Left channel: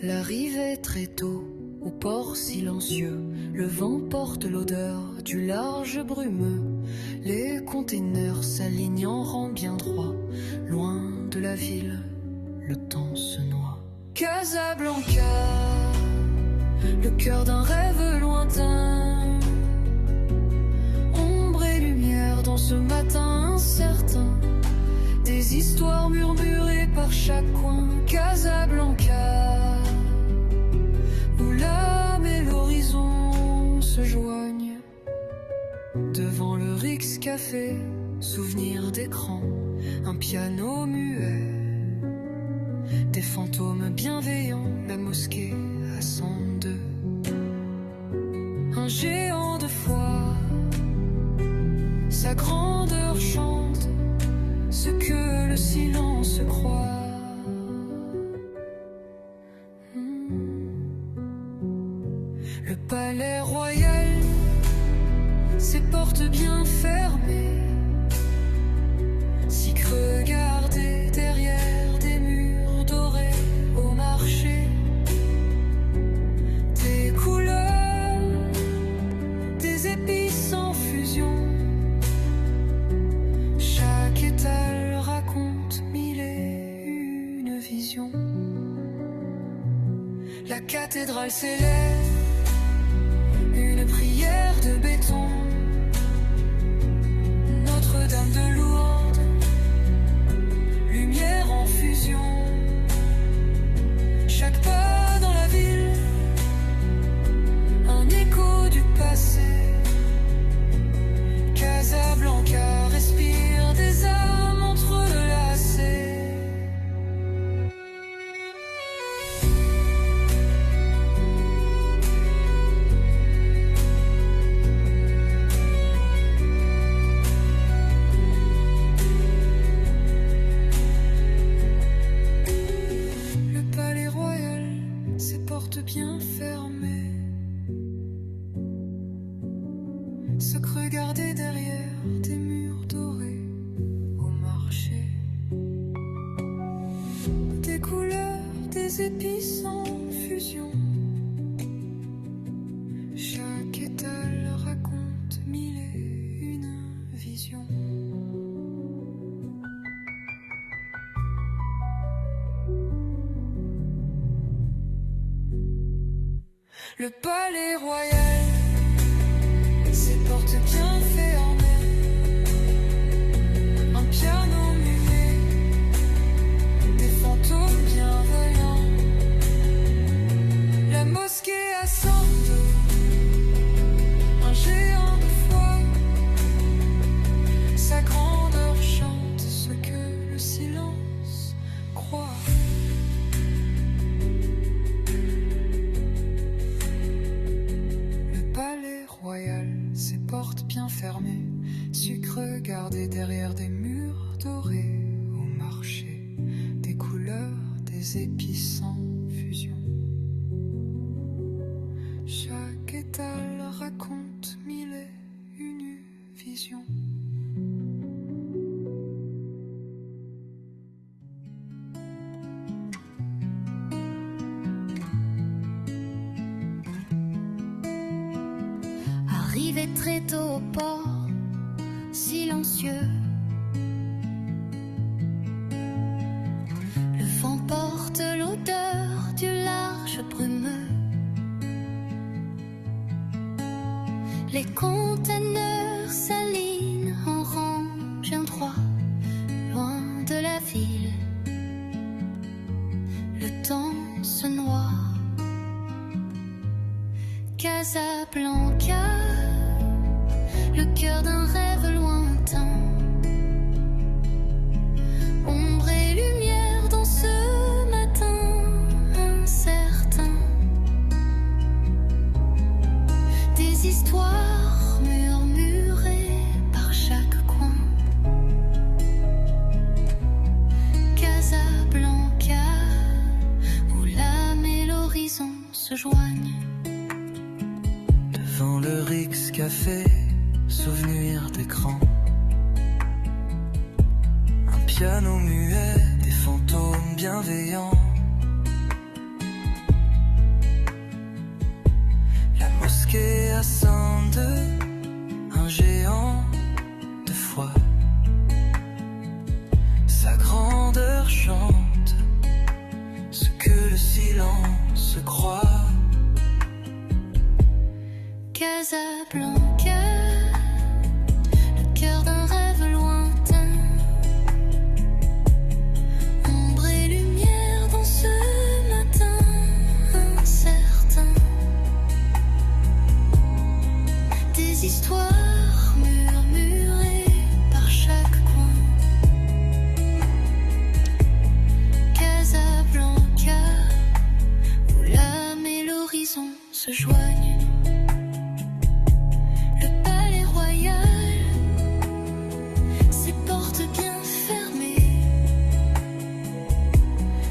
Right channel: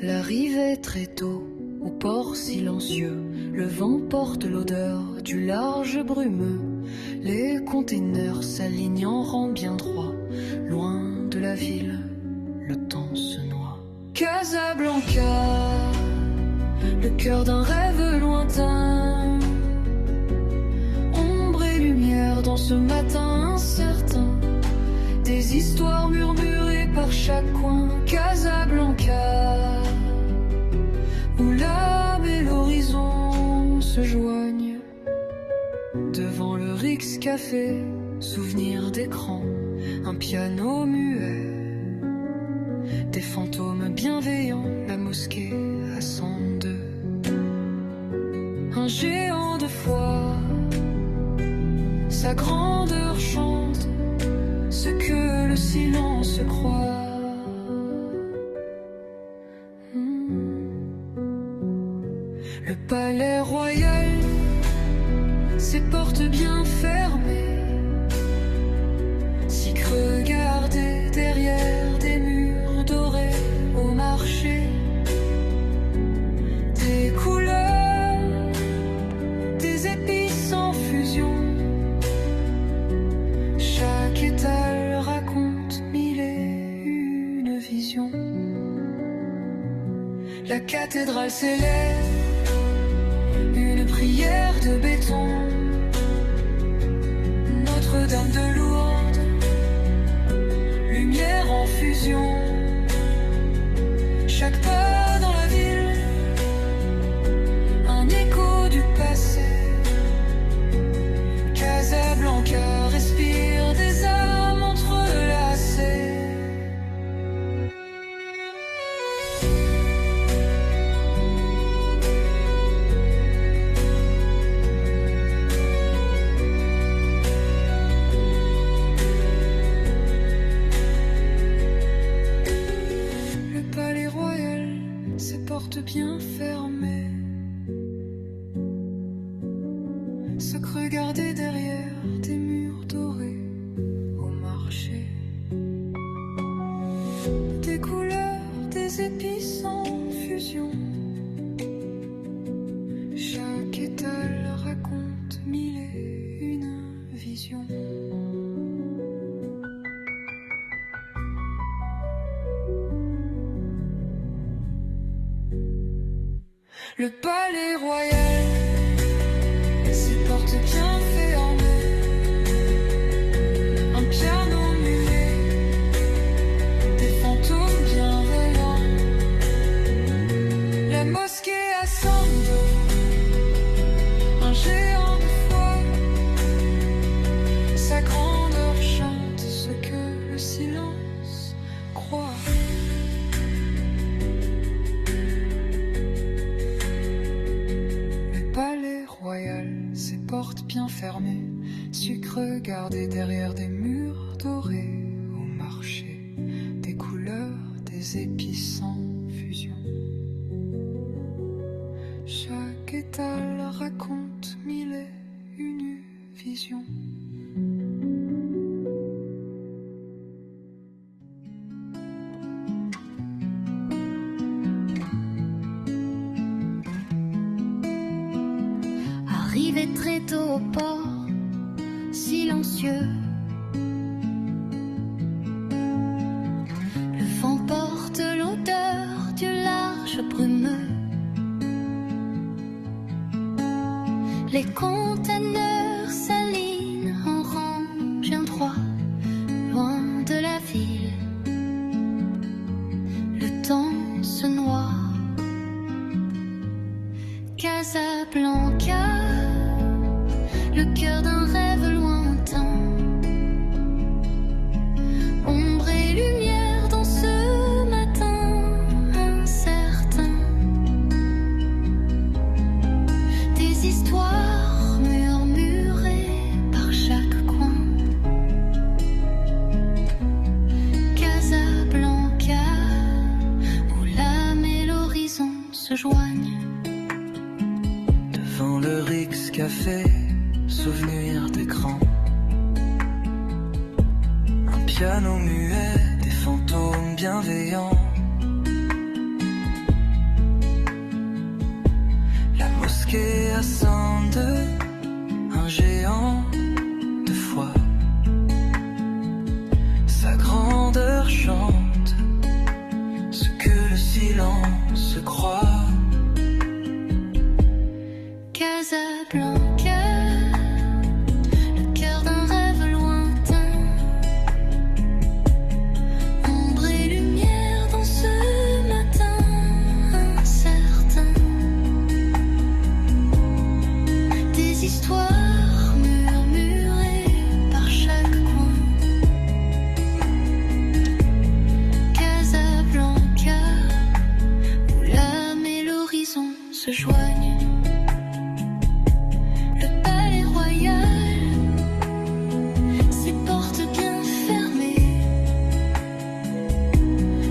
La rive est très tôt, au port silencieux. Le vent porte l'odeur du large brumeux. Les containers s'alignent en rang bien droit. Loin de la ville, le temps se noie. Casablanca, le cœur d'un rêve lointain. Ombre et lumière dans ce matin incertain. Des histoires murmurées par chaque coin. Casablanca, où l'âme et l'horizon se joignent. Devant le Rix Café, souvenir d'écran, un piano muet, des fantômes bienveillants, la mosquée à 102. Un géant de foi, sa grandeur chante ce que le silence croit. Le palais royal, ses portes bien fermées, si regardez derrière des murs dorés au marché. Des couleurs, des épices en fusion. Chaque étal raconte mille et une visions. La cathédrale s'élève, une prière de béton. Notre-Dame de Lourdes, lumière en fusion. Chaque pas dans la ville, un écho du passé. Casablanca respire des âmes entrelacées. Bien fermé, se regarder derrière des murs dorés au marché. Des couleurs, des épices en fusion. Chaque étal raconte mille et une visions. Le palais royal, ses portes bien fermées. Un piano muet, des fantômes bienveillants. La mosquée à Sando, un géant de foi. Sa grandeur chante ce que le silence croit. Palais royal, ses portes bien fermées, sucre gardé derrière des murs dorés au marché, des couleurs, des épices en fusion. Chaque étal raconte mille et une visions. Arrivé très tôt au port, silencieux. Le vent porte l'odeur du large brumeux. Les containers s'alignent en rang bien droit, loin de la ville. Le temps se noie. Casablanca, le cœur d'un rêve lointain. Ombre et lumière dans ce matin incertain. Des histoires murmurées par chaque coin. Casablanca, où l'âme et l'horizon se joignent. Devant le Rix Café, souvenir d'écran. Un piano muet, des fantômes bienveillants. ascende un géant de foi. Sa grandeur chante ce que le silence croit. Casablanca, le cœur d'un rêve lointain. Ombre et lumière dans ce matin incertain. Des histoires murmurées par chaque coin. Casablanca, où l'âme et l'horizon se joignent. Le palais royal, ses portes bien fermées.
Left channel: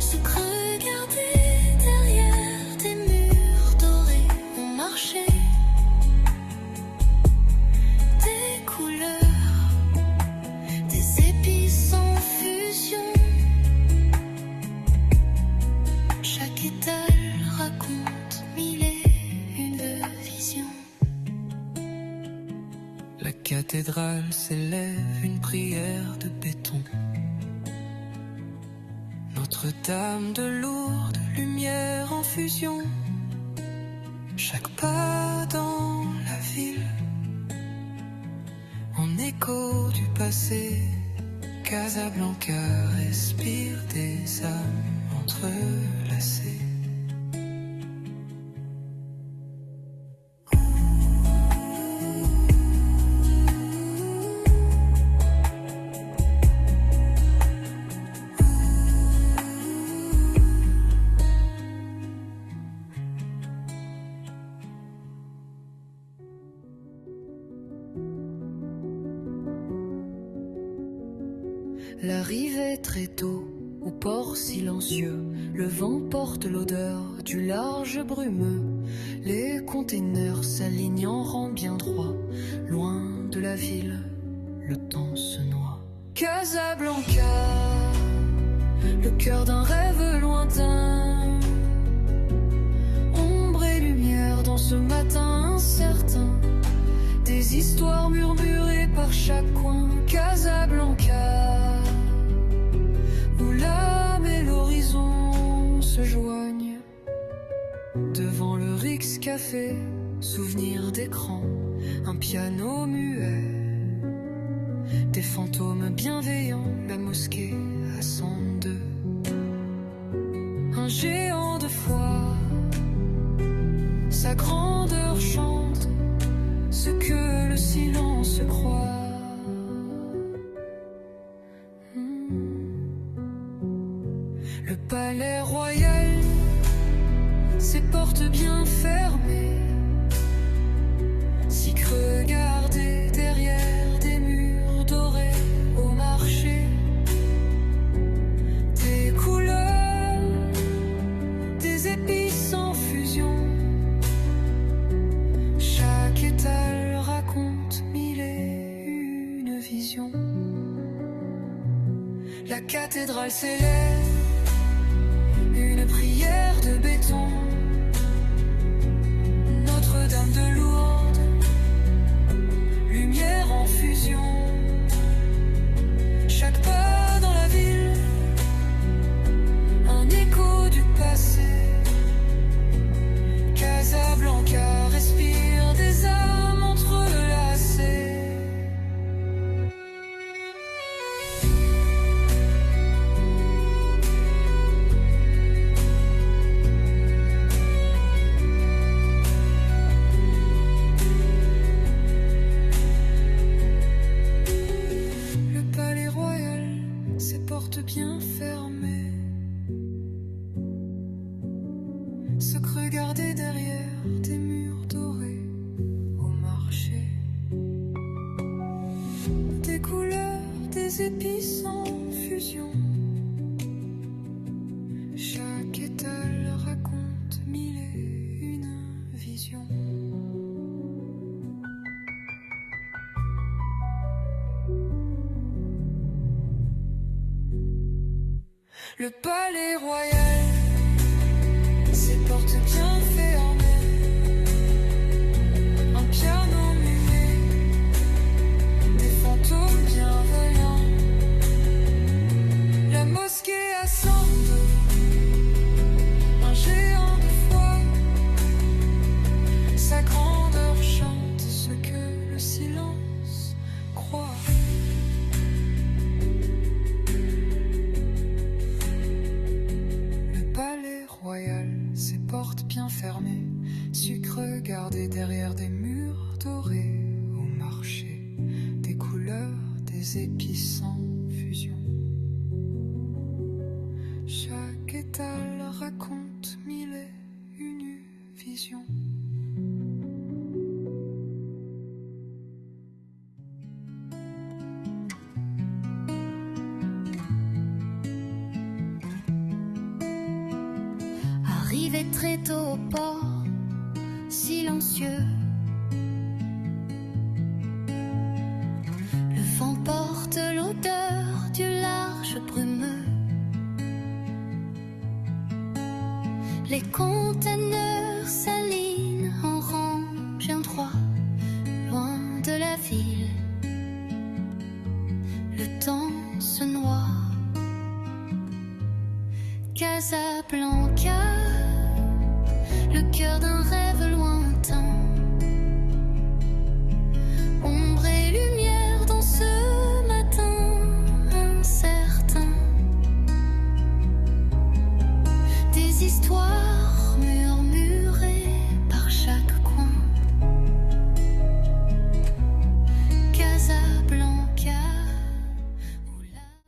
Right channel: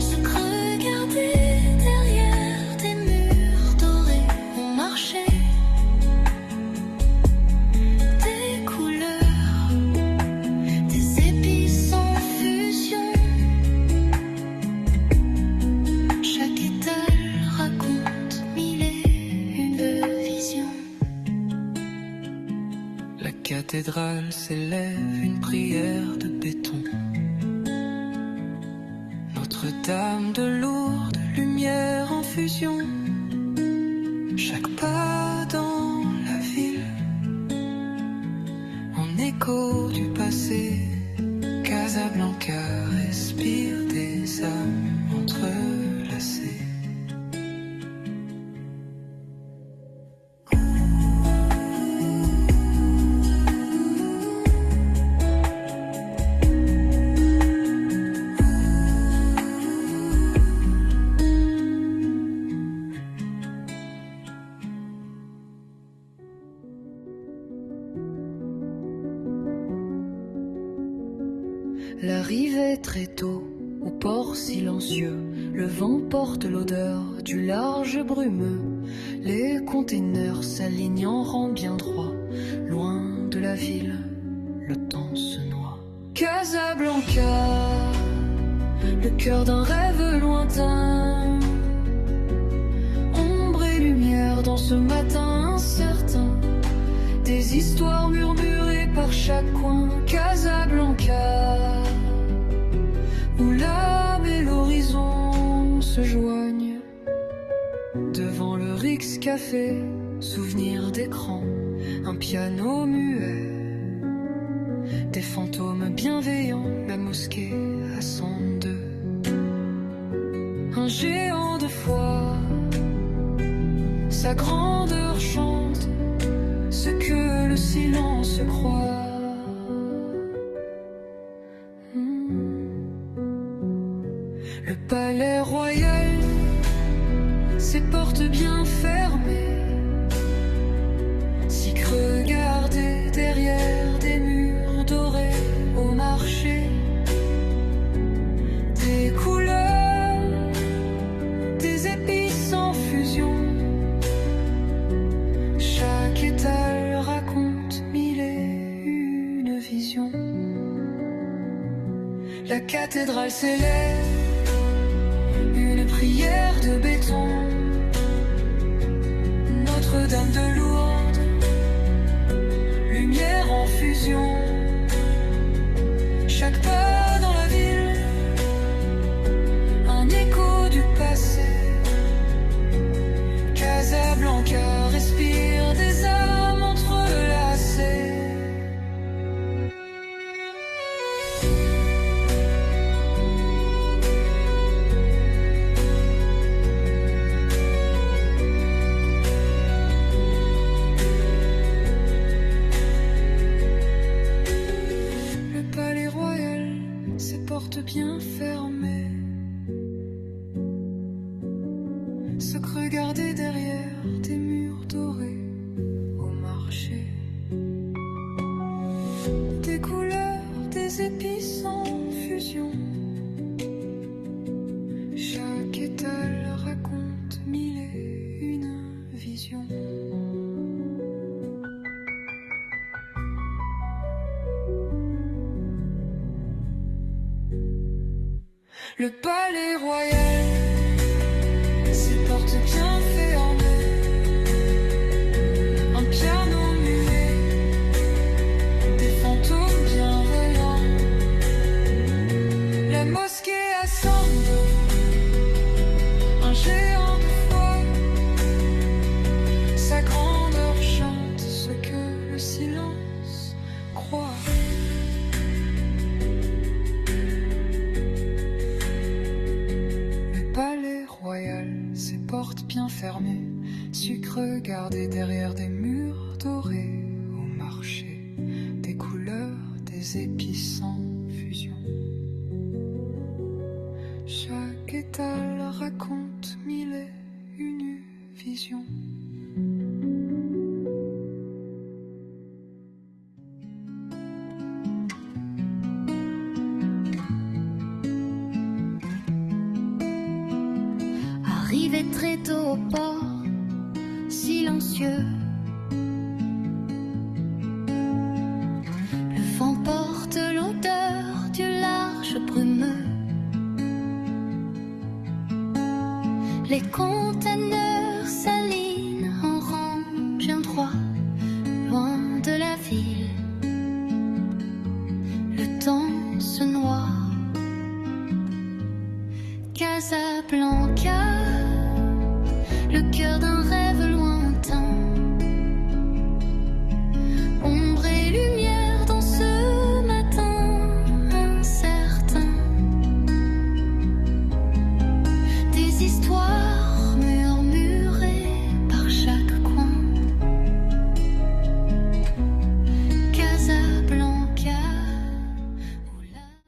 Se regarder derrière des murs dorés. On marchait des couleurs, des épices en fusion. Chaque étal raconte mille et une visions. La cathédrale s'élève une prière de béton. Notre-Dame de Lourdes, lumière en fusion. Chaque pas dans la ville, en écho du passé. Casablanca respire des âmes entrelacées. L'arrivée très tôt au port silencieux. Le vent porte l'odeur du large brumeux. Les containers s'alignent en rang bien droit. Loin de la ville, le temps se noie. Casablanca, le cœur d'un rêve lointain. Ombre et lumière dans ce matin incertain. Des histoires murmurées par chaque coin. Casablanca, où l'âme et l'horizon se joignent. Devant le Rix Café, souvenir d'écran, un piano muet. Des fantômes bienveillants, la mosquée à 102. Un géant de foi, sa grandeur chante ce que le silence croit. Le palais royal, ses portes bien fermées. Si regarder derrière des murs dorés au marché. Des couleurs, des épices en fusion. Chaque étal raconte mille et une visions. La cathédrale s'élève, une prière de béton. Notre-Dame de Lourdes, lumière en fusion. Chaque pas dans la ville, un écho du passé. Casablanca respire des âmes entrelacées. Le palais royal, ses portes bien fermées. Se regarder derrière des murs dorés au marché. Des couleurs, des épices en fusion. Chaque étal raconte mille et une visions. Le palais royal, ses portes bien fermées. Un regarder derrière des murs dorés au marché, des couleurs, des épices en fusion. Chaque étal raconte mille et une visions. Arrivé très tôt au port, silencieux. Le vent porte l'odeur du large brumeux. Les conteneurs s'alignent en rang bien droit, loin de la ville. Le temps se noie. Casablanca.